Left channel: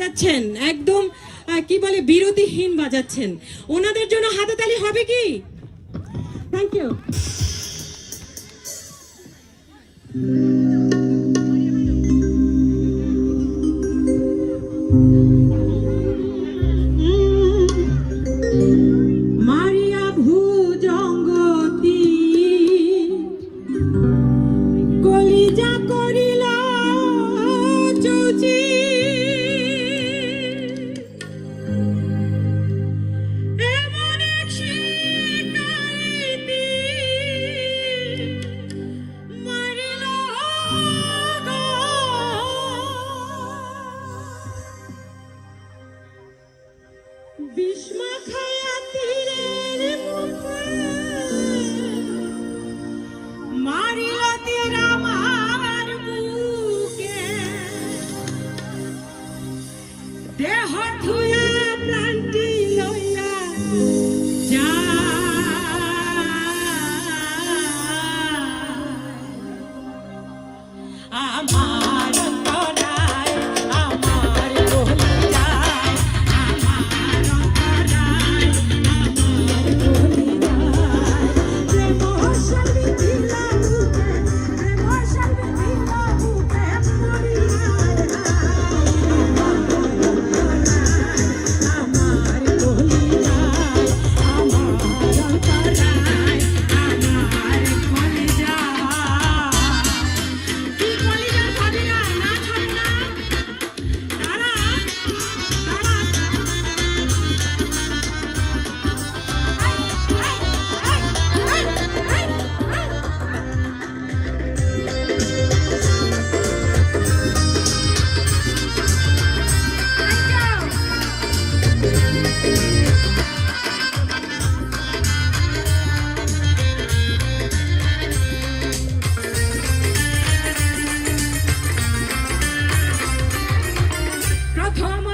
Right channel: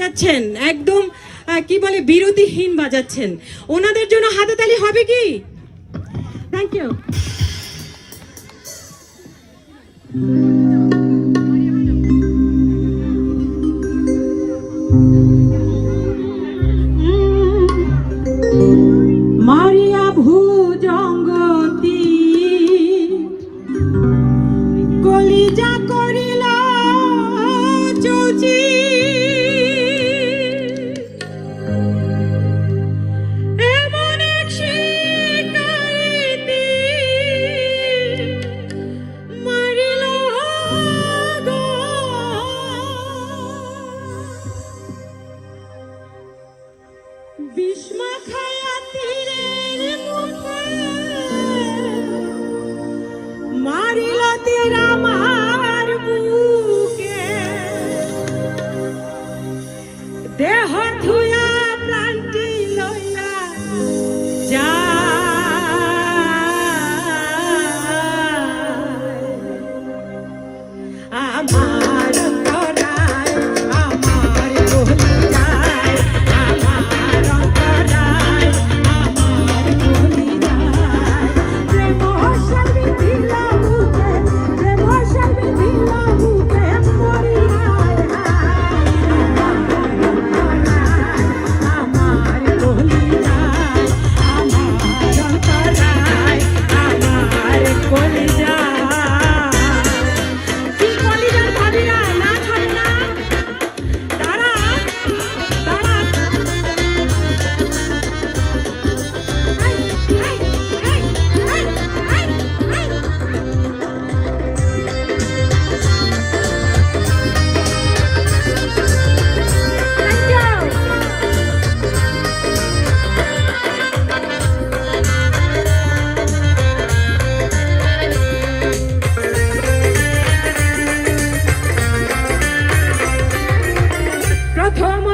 বাজাচ্ছেন, একদম কি বলে বিরতিহীন বাজাচ্ছেন। ওনাদের জন্য হাততালি হবে কি? Thank you. মারিয়া ভুজঙ্গতি কলিজা করিলা চৌচি এমন এক শিকারিতে মারিল গো। বিস্মা খায়া তীরের মুখে মারিল তীর আমার বুকে, দেহ ধুয়া প্রাণটি লইয়া আমার অন্তরায় আমার কলিজায়, আমার অন্তরায় আমার কলিজায়, প্রেম সাবি দিলা বুকে, প্রেম সাবি দিলা বুকে মরি আমার কলিজায়, আমার অন্তরায় আমার কলিজায়। প্রথম